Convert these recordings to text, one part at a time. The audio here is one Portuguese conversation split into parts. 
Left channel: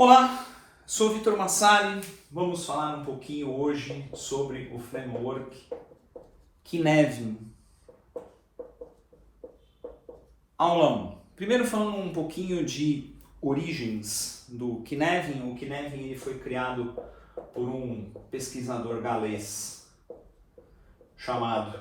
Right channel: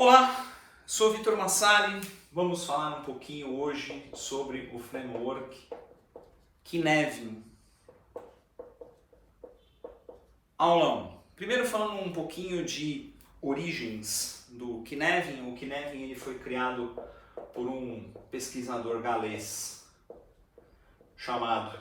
Olá, sou Vitor Massali. Vamos falar um pouquinho hoje sobre o framework Cynefin. Aulão. Primeiro falando um pouquinho de origens do Cynefin. O Cynefin ele foi criado por um pesquisador galês chamado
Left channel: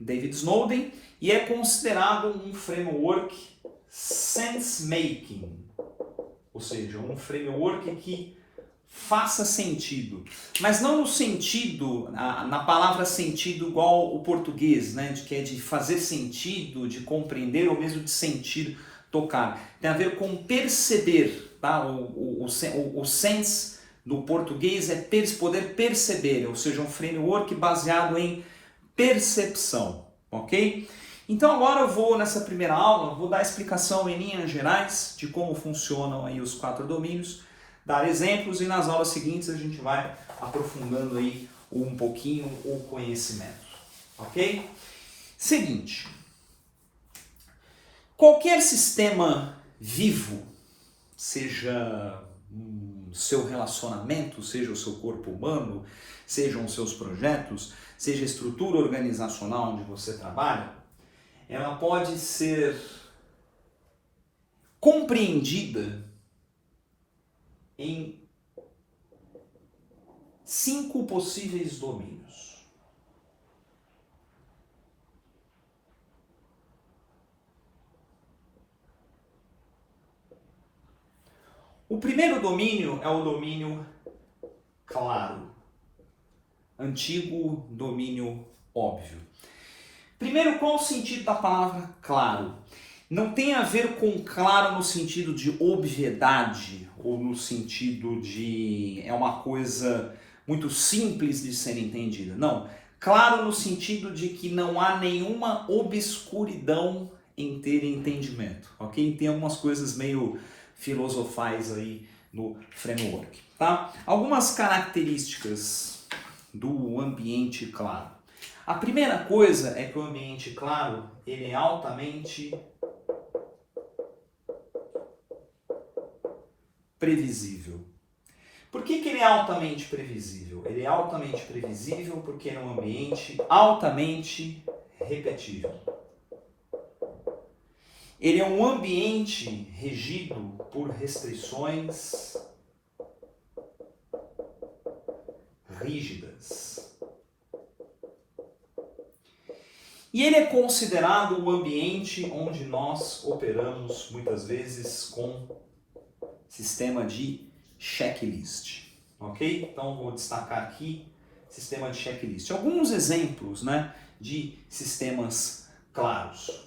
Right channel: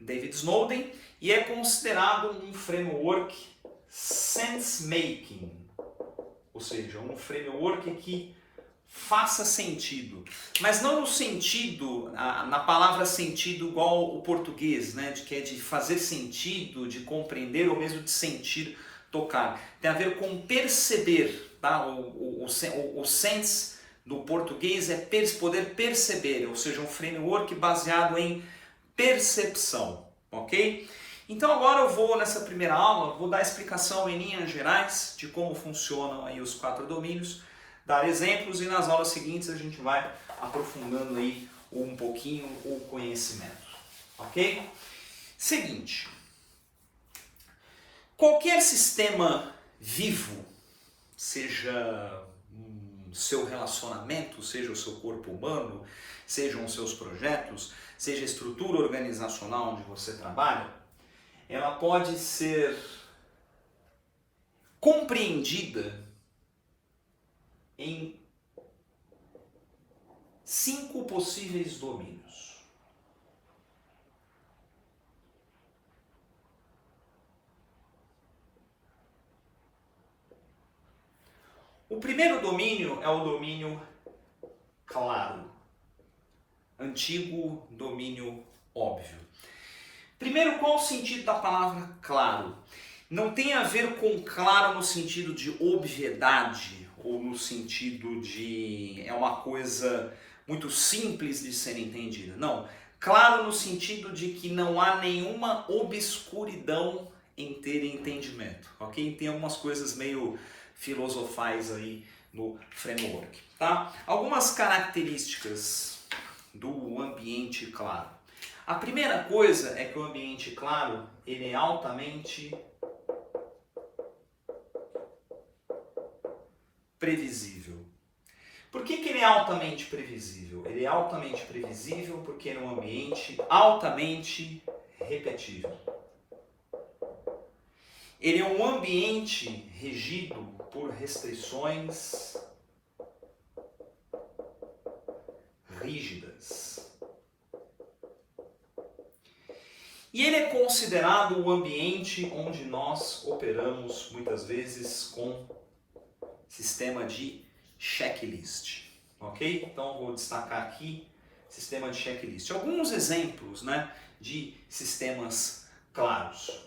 David Snowden e é considerado um framework sense-making. Ou seja, um framework que faça sentido. Mas não no sentido, na palavra sentido igual o português, né? Que é de fazer sentido, de compreender ou mesmo de sentir, tocar. Tem a ver com perceber, tá? O sense do português é poder perceber, ou seja, um framework baseado em percepção, ok? Então agora eu vou, nessa primeira aula, vou dar a explicação em linhas gerais de como funcionam aí os 4 domínios, dar exemplos e nas aulas seguintes a gente vai aprofundando aí um pouquinho o conhecimento, ok? Seguinte, qualquer sistema vivo, seja seu relacionamento, seja o seu corpo humano, sejam os seus projetos, seja a estrutura organizacional onde você trabalha, ela pode ser compreendida em 5 possíveis domínios. O primeiro domínio é o domínio claro, antigo domínio óbvio. Primeiro, qual o sentido da palavra claro? Não tem a ver com claro no sentido de obviedade ou no sentido de é uma coisa muito simples de ser entendida. Não, claro no sentido de que não há nenhuma obscuridão em ter entendimento, ok? Tem algumas coisas meio filosofais aí no framework, tá? Algumas características do ambiente claro. A primeira coisa é que o ambiente claro, ele é altamente previsível. Por que ele é altamente previsível? Ele é altamente previsível porque é um ambiente altamente repetível. Ele é um ambiente regido por restrições rígidas. E ele é considerado o ambiente onde nós operamos muitas vezes com sistema de checklist, ok? Então vou destacar aqui sistema de checklist. Alguns exemplos, né, de sistemas claros.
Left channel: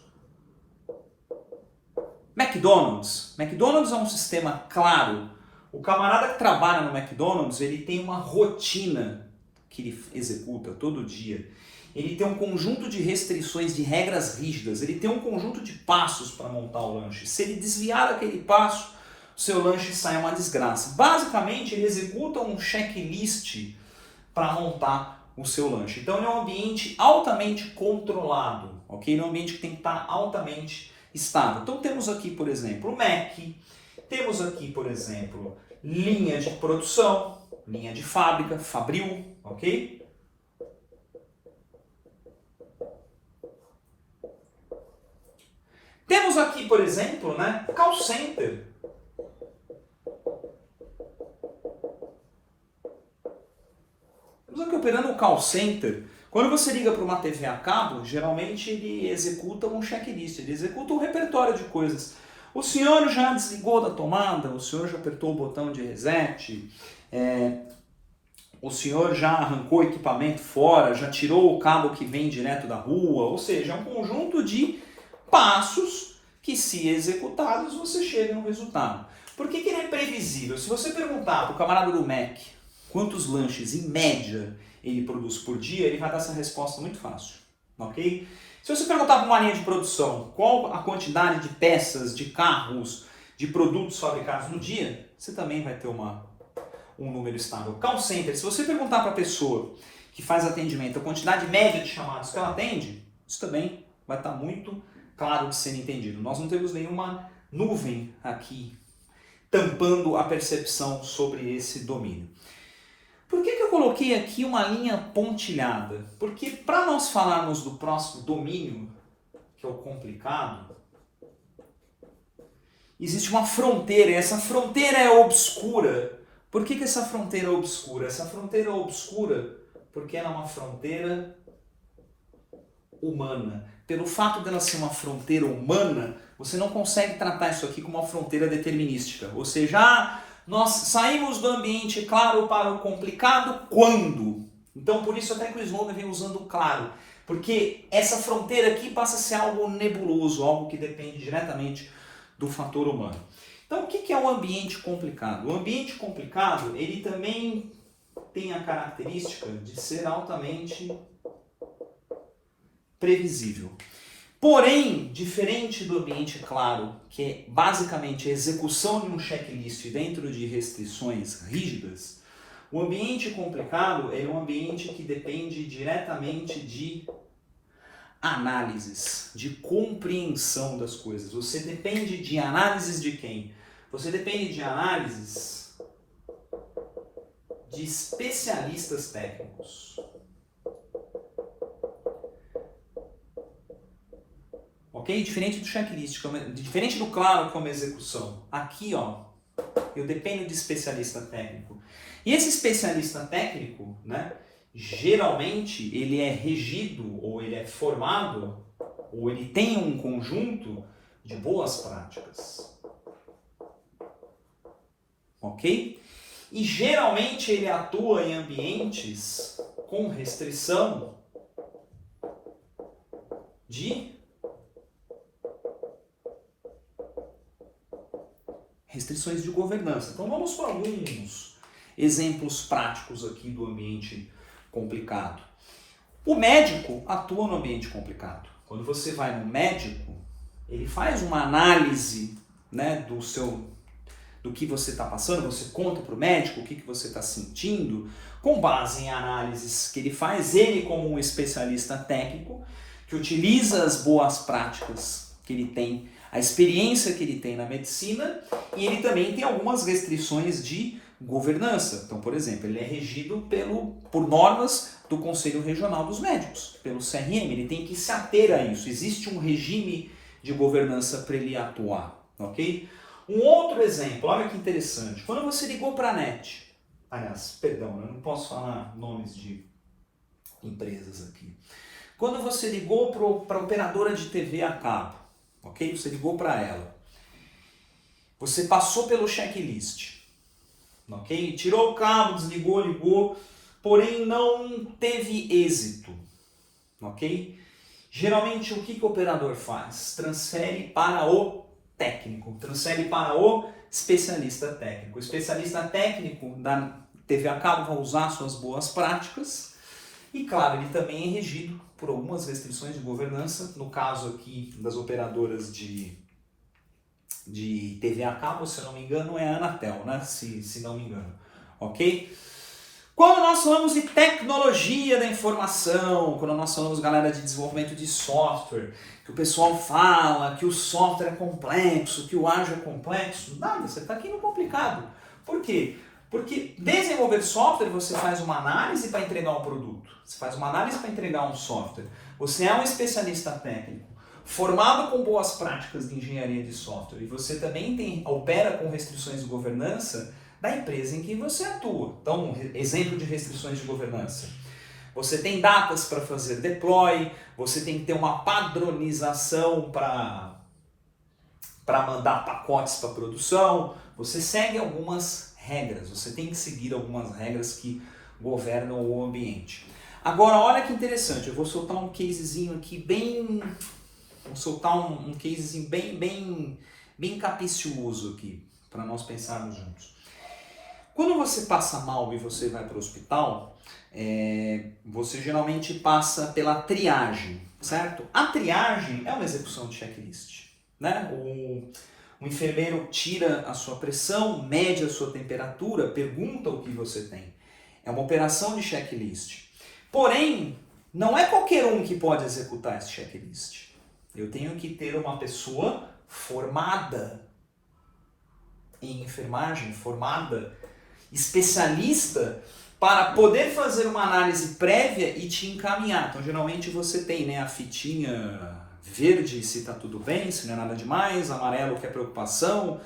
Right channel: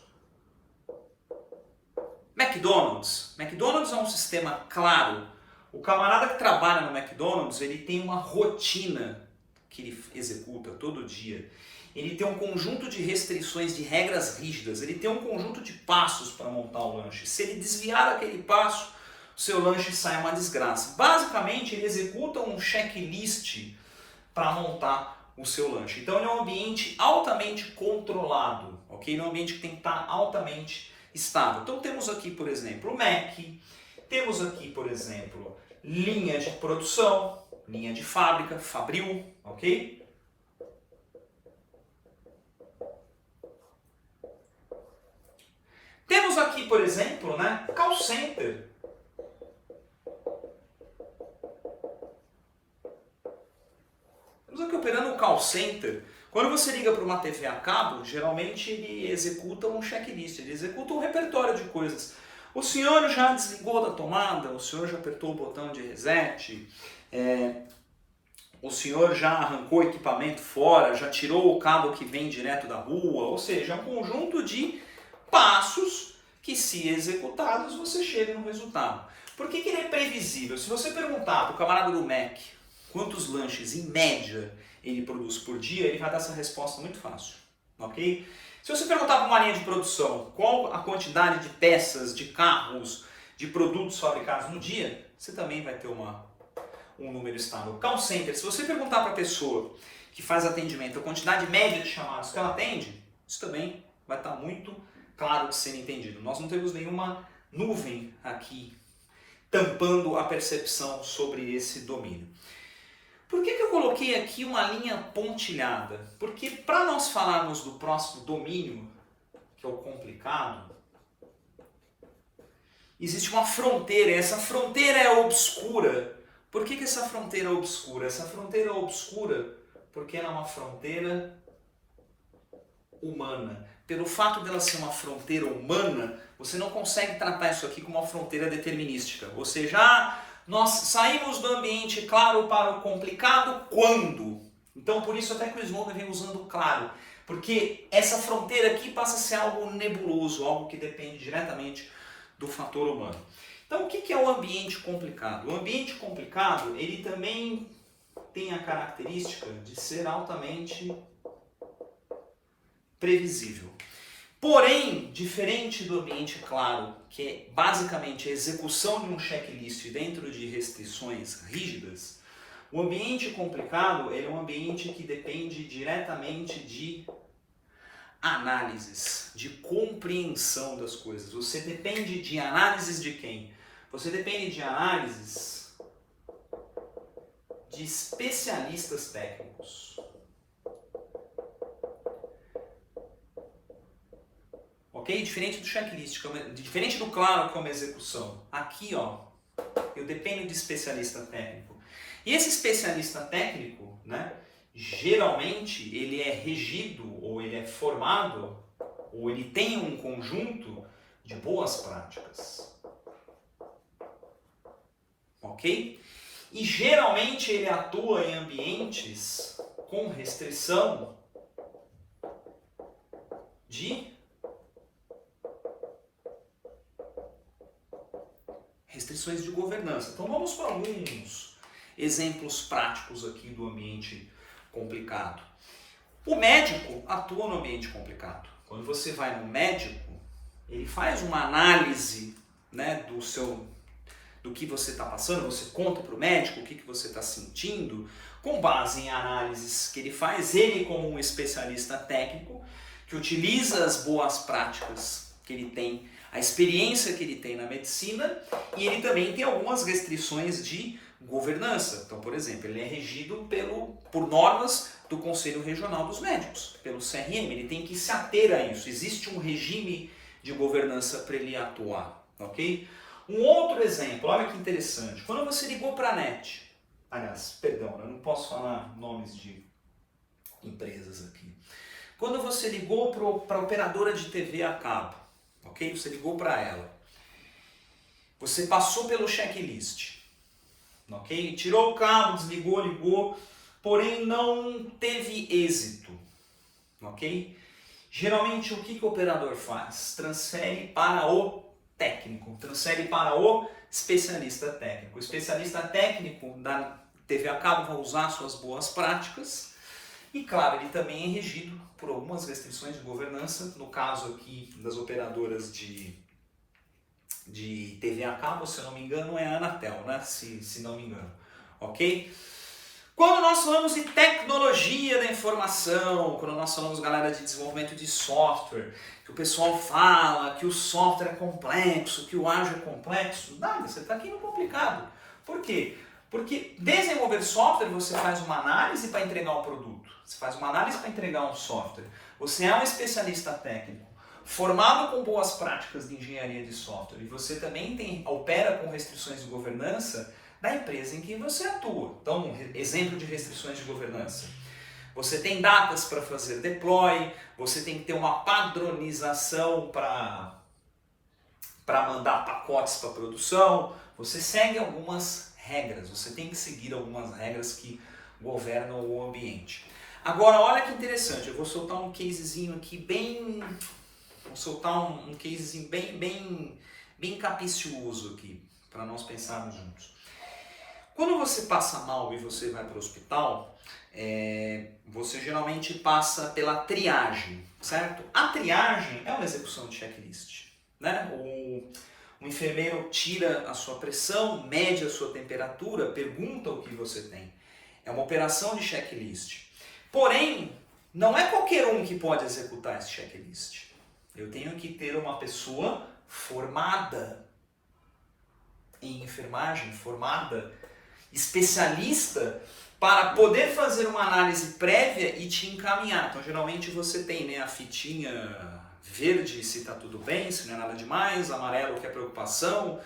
McDonald's. McDonald's é um sistema claro. O camarada que trabalha no McDonald's, ele tem uma rotina que ele executa todo dia. Ele tem um conjunto de restrições, de regras rígidas, ele tem um conjunto de passos para montar o lanche. Se ele desviar aquele passo, o seu lanche sai uma desgraça. Basicamente, ele executa um checklist para montar o seu lanche. Então, ele é um ambiente altamente controlado, ok? Ele é um ambiente que tem que estar altamente estável. Então, temos aqui, por exemplo, o Mac, temos aqui, por exemplo, linha de produção, linha de fábrica, Fabril, ok? Temos aqui, por exemplo, né, call center. Estamos aqui operando o call center. Quando você liga para uma TV a cabo, geralmente ele executa um checklist, ele executa um repertório de coisas. O senhor já desligou da tomada? O senhor já apertou o botão de reset? O senhor já arrancou o equipamento fora? Já tirou o cabo que vem direto da rua? Ou seja, é um conjunto de passos que, se executados, você chega no resultado. Por que ele é previsível? Se você perguntar para o camarada do Mac quantos lanches, em média, ele produz por dia, ele vai dar essa resposta muito fácil, ok? Se você perguntar para uma linha de produção qual a quantidade de peças, de carros, de produtos fabricados no dia, você também vai ter um número estável. Call center, se você perguntar para a pessoa que faz atendimento a quantidade média de chamados que ela atende, isso também vai estar muito claro de ser entendido. Nós não temos nenhuma nuvem aqui tampando a percepção sobre esse domínio. Por que eu coloquei aqui uma linha pontilhada? Porque para nós falarmos do próximo domínio, que é o complicado, existe uma fronteira, e essa fronteira é obscura. Por que essa fronteira é obscura? Essa fronteira é obscura porque ela é uma fronteira humana. Pelo fato dela ser uma fronteira humana, você não consegue tratar isso aqui como uma fronteira determinística. Ou seja, nós saímos do ambiente claro para o complicado quando? Então, por isso até que o Snowden vem usando o claro. Porque essa fronteira aqui passa a ser algo nebuloso, algo que depende diretamente do fator humano. Então, o que é um ambiente complicado? O ambiente complicado, ele também tem a característica de ser altamente previsível. Porém, diferente do ambiente claro, que é basicamente a execução de um checklist dentro de restrições rígidas, o ambiente complicado é um ambiente que depende diretamente de análises, de compreensão das coisas. Você depende de análises de quem? Você depende de análises de especialistas técnicos. Ok? Diferente do checklist, diferente do claro, que é uma execução. Aqui, ó, eu dependo de especialista técnico. E esse especialista técnico, né, geralmente ele é regido, ou ele é formado, ou ele tem um conjunto de boas práticas. Ok? E geralmente ele atua em ambientes com restrição de restrições de governança. Então vamos para alguns exemplos práticos aqui do ambiente complicado. O médico atua no ambiente complicado. Quando você vai no médico, ele faz uma análise, né, do que você está passando, você conta para o médico o que você está sentindo, com base em análises que ele faz, ele como um especialista técnico, que utiliza as boas práticas que ele tem, a experiência que ele tem na medicina, e ele também tem algumas restrições de governança. Então, por exemplo, ele é regido por normas do Conselho Regional dos Médicos, pelo CRM, ele tem que se ater a isso. Existe um regime de governança para ele atuar, ok? Um outro exemplo, olha que interessante, quando você ligou para a NET, aliás, perdão, eu não posso falar nomes de empresas aqui. Quando você ligou para a operadora de TV a cabo, ok? Você ligou para ela. Você passou pelo checklist, ok? Tirou o cabo, desligou, ligou, porém não teve êxito, ok? Geralmente o que o operador faz? Transfere para o técnico, transfere para o especialista técnico. O especialista técnico da TV a cabo vai usar suas boas práticas e, claro, ele também é regido por algumas restrições de governança. No caso aqui das operadoras de TV a cabo, se eu não me engano, é a Anatel, né? Se não me engano, ok? Quando nós falamos de tecnologia da informação, quando nós falamos, galera, de desenvolvimento de software, que o pessoal fala que o software é complexo, que o ágil é complexo, nada, você está aqui no complicado. Por quê? Porque desenvolver software, você faz uma análise para entregar um produto, você faz uma análise para entregar um software, você é um especialista técnico, formado com boas práticas de engenharia de software, e você também opera com restrições de governança da empresa em que você atua. Então, exemplo de restrições de governança. Você tem datas para fazer deploy, você tem que ter uma padronização para mandar pacotes para produção, você segue algumas regras, você tem que seguir algumas regras que governam o ambiente. Agora, olha que interessante, eu vou soltar um casezinho aqui bem capicioso aqui, para nós pensarmos juntos. Quando você passa mal e você vai para o hospital, você geralmente passa pela triagem, certo? A triagem é uma execução de checklist, né? O enfermeiro tira a sua pressão, mede a sua temperatura, pergunta o que você tem. É uma operação de checklist. Porém, não é qualquer um que pode executar esse checklist. Eu tenho que ter uma pessoa formada em enfermagem, formada, especialista, para poder fazer uma análise prévia e te encaminhar. Então, geralmente você tem, né, a fitinha verde se está tudo bem, se não é nada demais, amarelo que é preocupação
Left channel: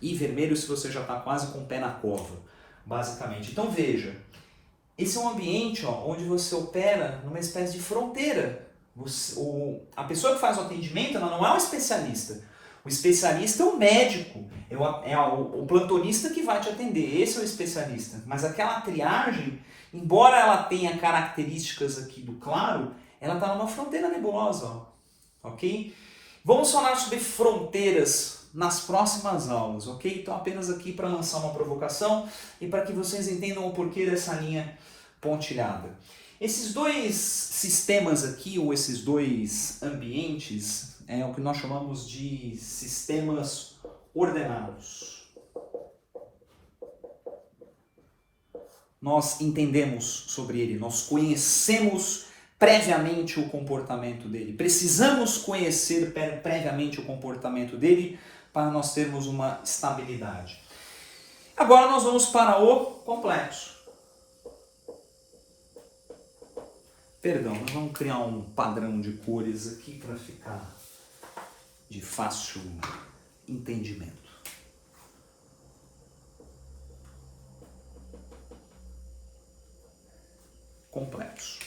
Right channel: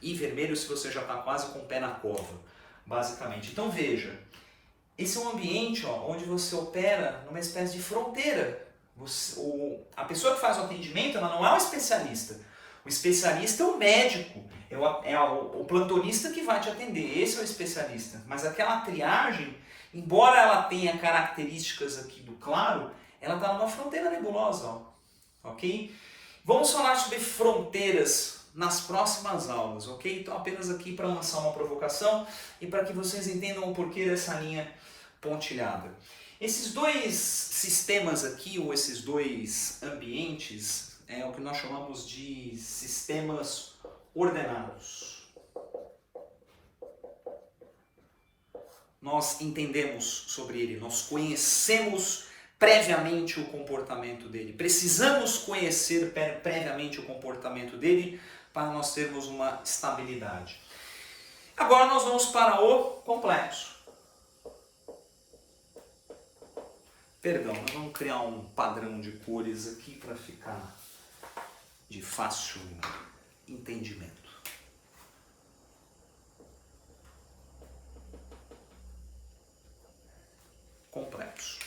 e vermelho se você já está quase com o pé na cova, basicamente. Então, veja, esse é um ambiente, ó, onde você opera numa espécie de fronteira. A pessoa que faz o atendimento, ela não é um especialista. O especialista é o médico, o plantonista que vai te atender, esse é o especialista. Mas aquela triagem, embora ela tenha características aqui do claro, ela está numa fronteira nebulosa, ó, ok? Vamos falar sobre fronteiras nas próximas aulas, ok? Então apenas aqui para lançar uma provocação e para que vocês entendam o porquê dessa linha pontilhada. Esses dois sistemas aqui, ou esses dois ambientes, é o que nós chamamos de sistemas ordenados. Nós entendemos sobre ele, nós conhecemos previamente o comportamento dele. Precisamos conhecer previamente o comportamento dele para nós termos uma estabilidade. Agora nós vamos para o complexo. Perdão, nós vamos criar um padrão de cores aqui para ficar de fácil entendimento. Complexo,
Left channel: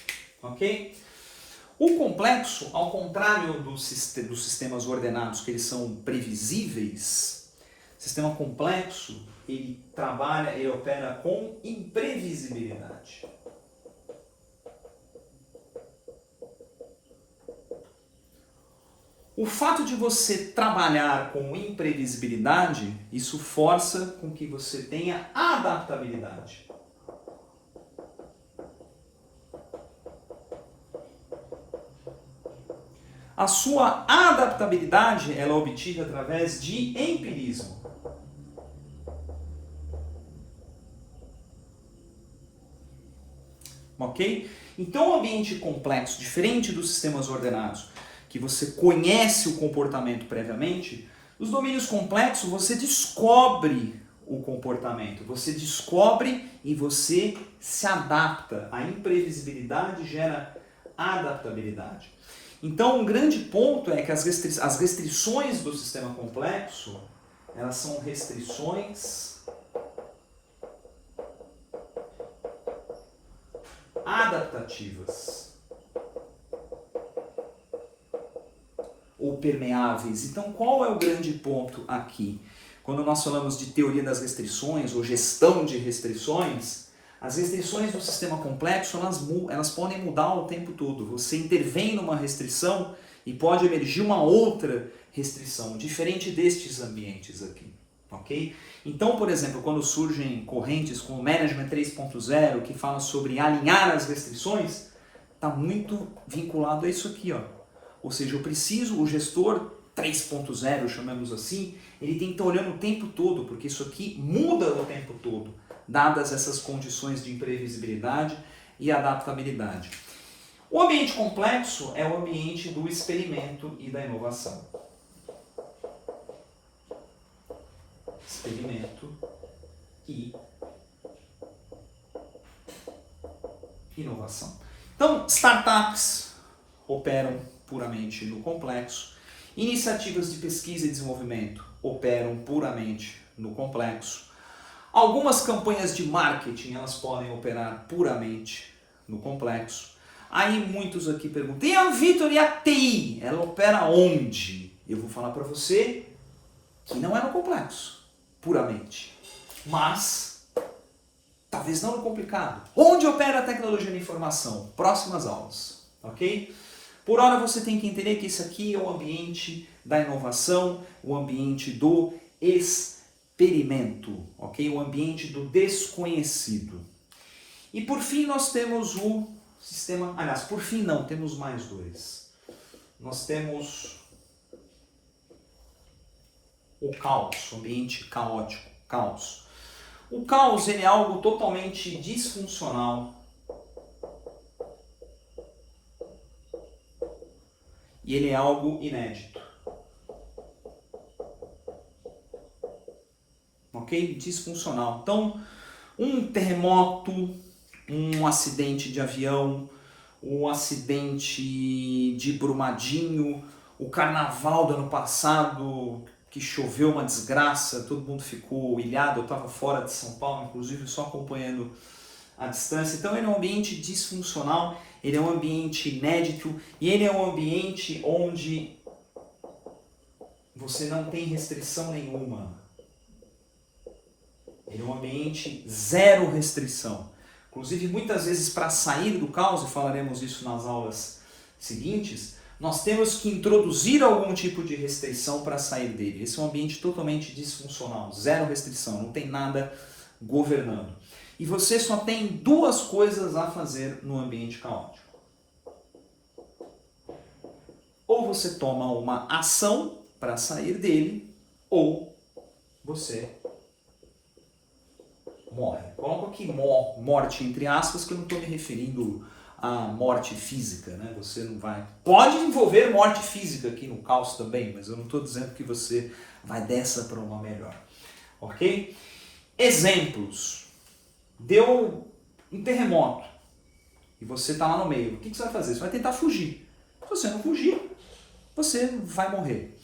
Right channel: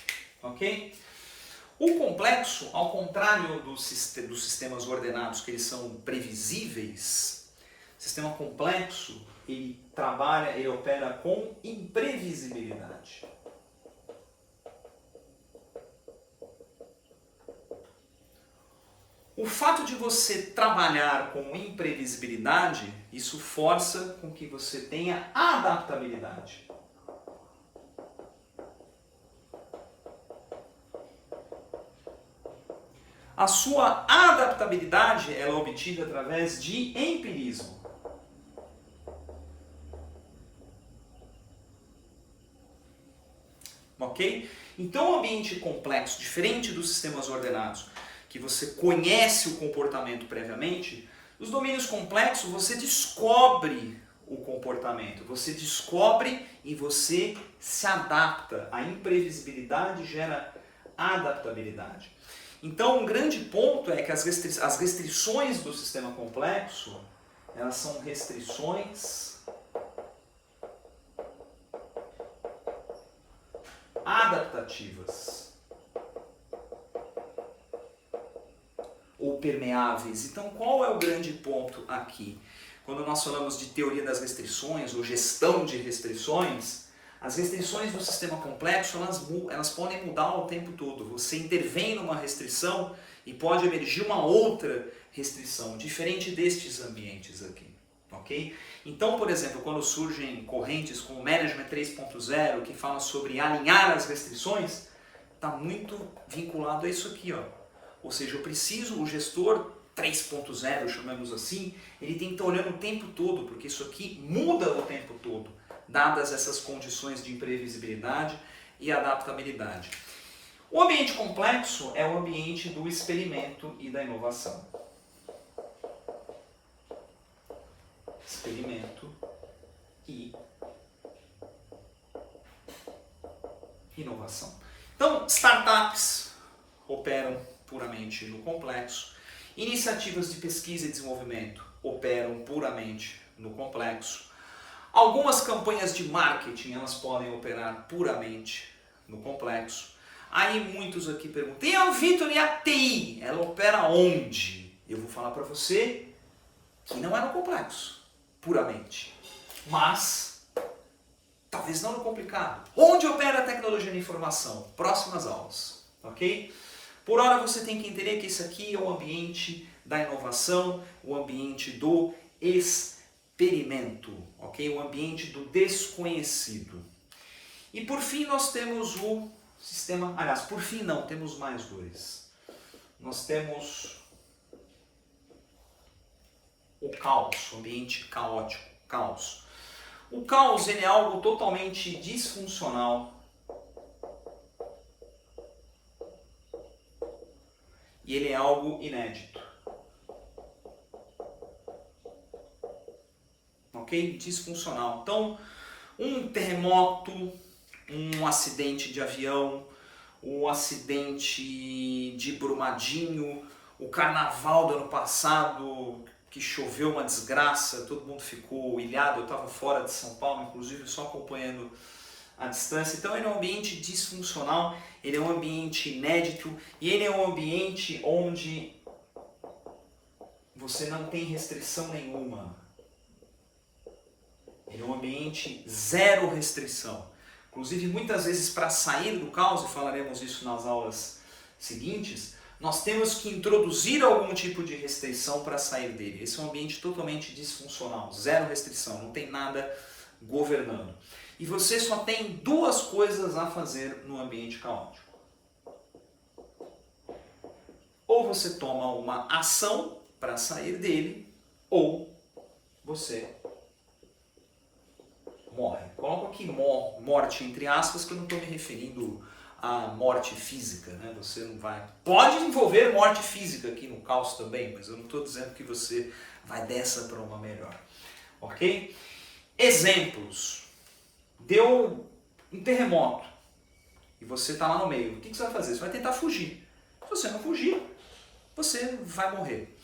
ok? O complexo, ao contrário dos sistemas ordenados, que eles são previsíveis, o sistema complexo, ele opera com imprevisibilidade. O fato de você trabalhar com imprevisibilidade, isso força com que você tenha adaptabilidade. A sua adaptabilidade ela é obtida através de empirismo. Ok? Então, o ambiente complexo, diferente dos sistemas ordenados, que você conhece o comportamento previamente, nos domínios complexos você descobre o comportamento, você descobre e você se adapta. A imprevisibilidade gera adaptabilidade. Então, um grande ponto é que as restrições do sistema complexo, elas são restrições adaptativas ou permeáveis. Então, qual é o grande ponto aqui? Quando nós falamos de teoria das restrições ou gestão de restrições, as restrições do sistema complexo, elas podem mudar o tempo todo. Você intervém numa restrição e pode emergir uma outra restrição, diferente destes ambientes aqui. Ok? Então, por exemplo, quando surgem correntes como o Management 3.0, que falam sobre alinhar as restrições, está muito vinculado a isso aqui, ó. Ou seja, o gestor 3.0, chamamos assim, ele tem que estar olhando o tempo todo, porque isso aqui muda o tempo todo, dadas essas condições de imprevisibilidade e adaptabilidade. O ambiente complexo é o ambiente do experimento e da inovação. Experimento e inovação. Então, startups operam puramente no complexo. Iniciativas de pesquisa e desenvolvimento operam puramente no complexo. Algumas campanhas de marketing, elas podem operar puramente no complexo. Aí muitos aqui perguntam, e a Vitor, e a TI? Ela opera onde? Eu vou falar para você que não é no complexo, puramente. Mas, talvez não no complicado. Onde opera a tecnologia da informação? Próximas aulas, ok? Por hora você tem que entender que esse aqui é o ambiente da inovação, o ambiente do experimento, ok? O ambiente do desconhecido. E por fim nós temos o sistema, aliás, por fim não, temos mais dois. Nós temos o caos, o ambiente caótico, caos. O caos ele é algo totalmente disfuncional. E ele é algo inédito. ok? Disfuncional. Então, um terremoto, um acidente de avião, um acidente de Brumadinho, o carnaval do ano passado, que choveu uma desgraça, todo mundo ficou ilhado, eu estava fora de São Paulo, inclusive só acompanhando à distância. Então ele é um ambiente disfuncional, ele é um ambiente inédito e ele é um ambiente onde você não tem restrição nenhuma. Ele é um ambiente zero restrição. Inclusive, muitas vezes, para sair do caos, e falaremos isso nas aulas seguintes, nós temos que introduzir algum tipo de restrição para sair dele. Esse é um ambiente totalmente disfuncional, zero restrição, não tem nada governando. E você só tem duas coisas a fazer no ambiente caótico. Ou você toma uma ação para sair dele, ou você morre. Coloco aqui morte entre aspas, que eu não estou me referindo à morte física, né? Você não vai... Pode envolver morte física aqui no caos também, mas eu não estou dizendo que você vai dessa para uma melhor. Ok? Exemplos. Deu um terremoto e você está lá no meio. O que você vai fazer? Você vai tentar fugir. Se você não fugir, você vai morrer.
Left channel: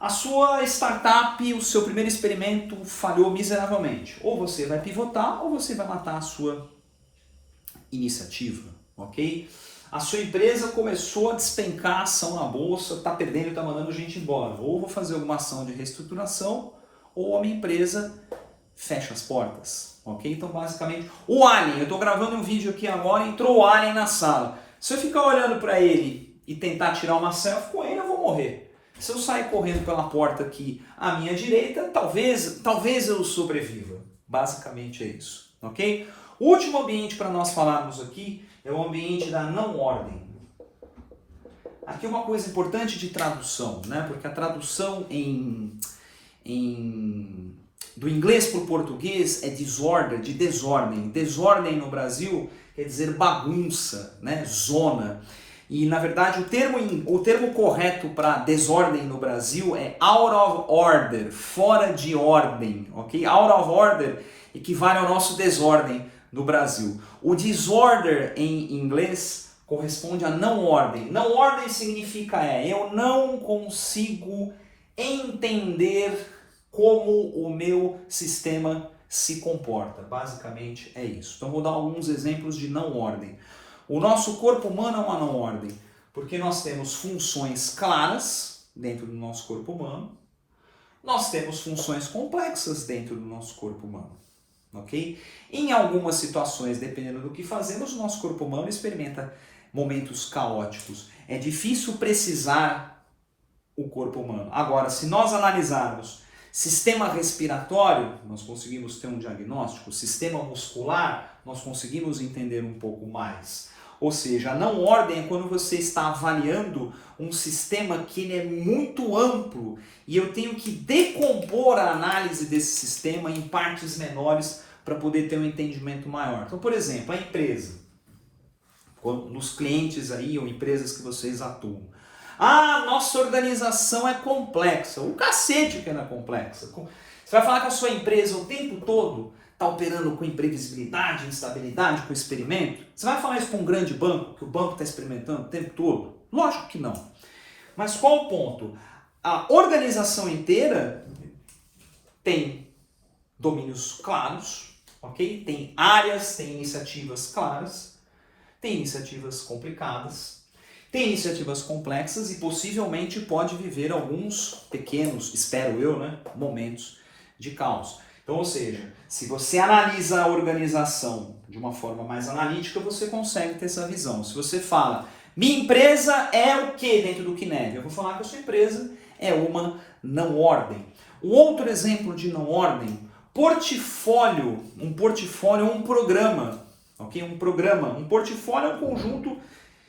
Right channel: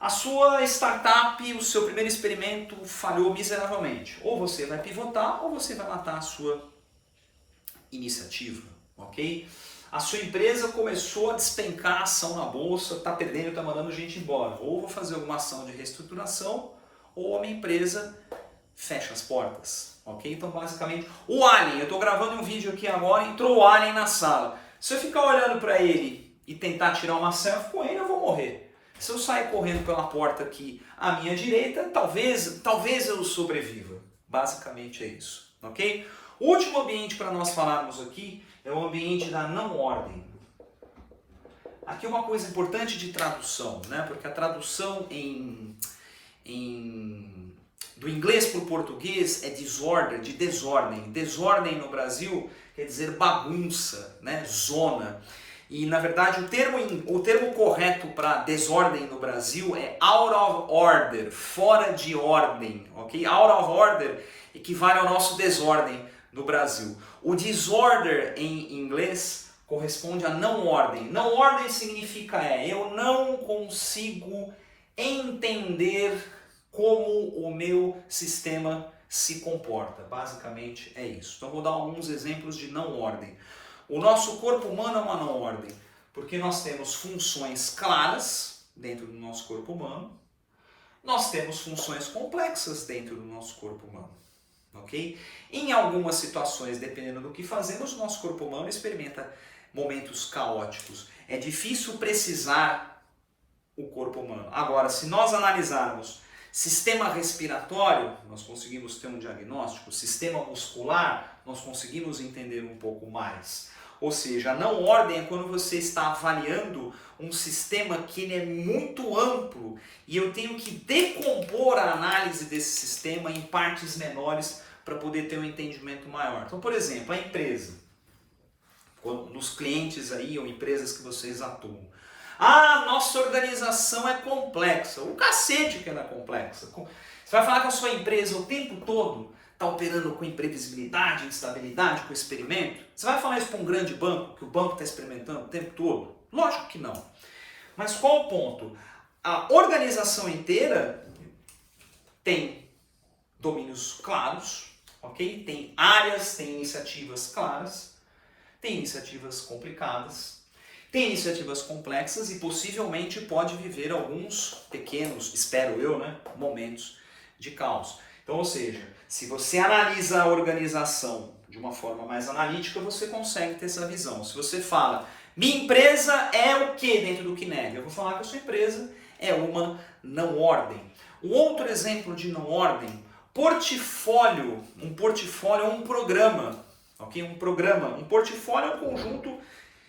A sua startup, o seu primeiro experimento falhou miseravelmente. Ou você vai pivotar ou você vai matar a sua iniciativa, ok? A sua empresa começou a despencar a ação na bolsa, está perdendo, está mandando gente embora. Ou vou fazer alguma ação de reestruturação ou a minha empresa fecha as portas, ok? Então basicamente, o Alien, eu estou gravando um vídeo aqui agora, entrou o Alien na sala. Se eu ficar olhando para ele e tentar tirar uma selfie com ele, eu vou morrer. Se eu sair correndo pela porta aqui à minha direita, talvez eu sobreviva. Basicamente é isso, ok? O último ambiente para nós falarmos aqui é o ambiente da não ordem. Aqui é uma coisa importante de tradução, né? Porque a tradução do inglês para o português é disorder, de desordem. Desordem no Brasil quer dizer bagunça, né? Zona. E, na verdade, o termo correto para desordem no Brasil é out of order, fora de ordem, ok? Out of order equivale ao nosso desordem no Brasil. O disorder em inglês corresponde a não ordem. Não ordem significa eu não consigo entender como o meu sistema se comporta. Basicamente é isso. Então, vou dar alguns exemplos de não ordem. O nosso corpo humano é uma não ordem, porque nós temos funções claras dentro do nosso corpo humano, nós temos funções complexas dentro do nosso corpo humano, ok? Em algumas situações, dependendo do que fazemos, o nosso corpo humano experimenta momentos caóticos. É difícil precisar o corpo humano. Agora, se nós analisarmos sistema respiratório, nós conseguimos ter um diagnóstico, sistema muscular, nós conseguimos entender um pouco mais. Ou seja, a não ordem é quando você está avaliando um sistema que ele é muito amplo e eu tenho que decompor a análise desse sistema em partes menores para poder ter um entendimento maior. Então, por exemplo, a empresa, nos clientes aí ou empresas que vocês atuam. Ah, nossa organização é complexa. O cacete que ela é complexa. Você vai falar que a sua empresa o tempo todo está operando com imprevisibilidade, instabilidade, com experimento? Você vai falar isso para um grande banco, que o banco está experimentando o tempo todo? Lógico que não. Mas qual o ponto? A organização inteira tem domínios claros, ok? Tem áreas, tem iniciativas claras, tem iniciativas complicadas, tem iniciativas complexas e possivelmente pode viver alguns pequenos, espero eu, né, momentos de caos. Então, ou seja, se você analisa a organização de uma forma mais analítica, você consegue ter essa visão. Se você fala, minha empresa é o que dentro do Kineve? Eu vou falar que a sua empresa é uma não ordem. Um outro exemplo de não ordem, portfólio. Um portfólio é um programa, ok? Um portfólio é um conjunto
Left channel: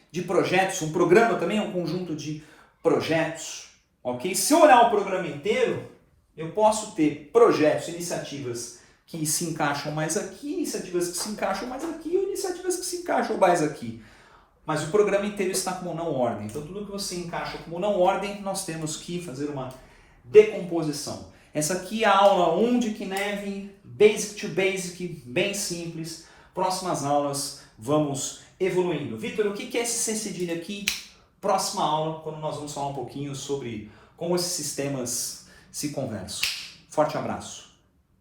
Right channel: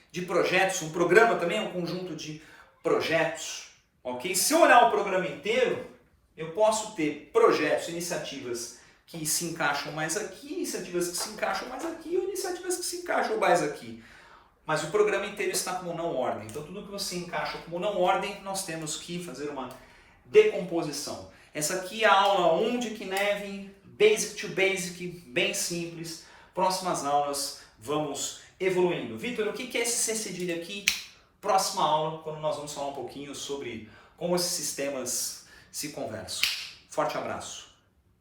de projetos, um programa também é um conjunto de projetos, ok? Se eu olhar o programa inteiro, eu posso ter projetos, iniciativas que se encaixam mais aqui, iniciativas que se encaixam mais aqui, ou iniciativas que se encaixam mais aqui. Mas o programa inteiro está como não ordem. Então tudo que você encaixa como não ordem, nós temos que fazer uma decomposição. Essa aqui é a aula 1 de Kinevin, Basic to Basic, bem simples. Próximas aulas vamos evoluindo. Vitor, o que é esse C cedilha aqui? Próxima aula, quando nós vamos falar um pouquinho sobre como esses sistemas se conversam. Forte abraço.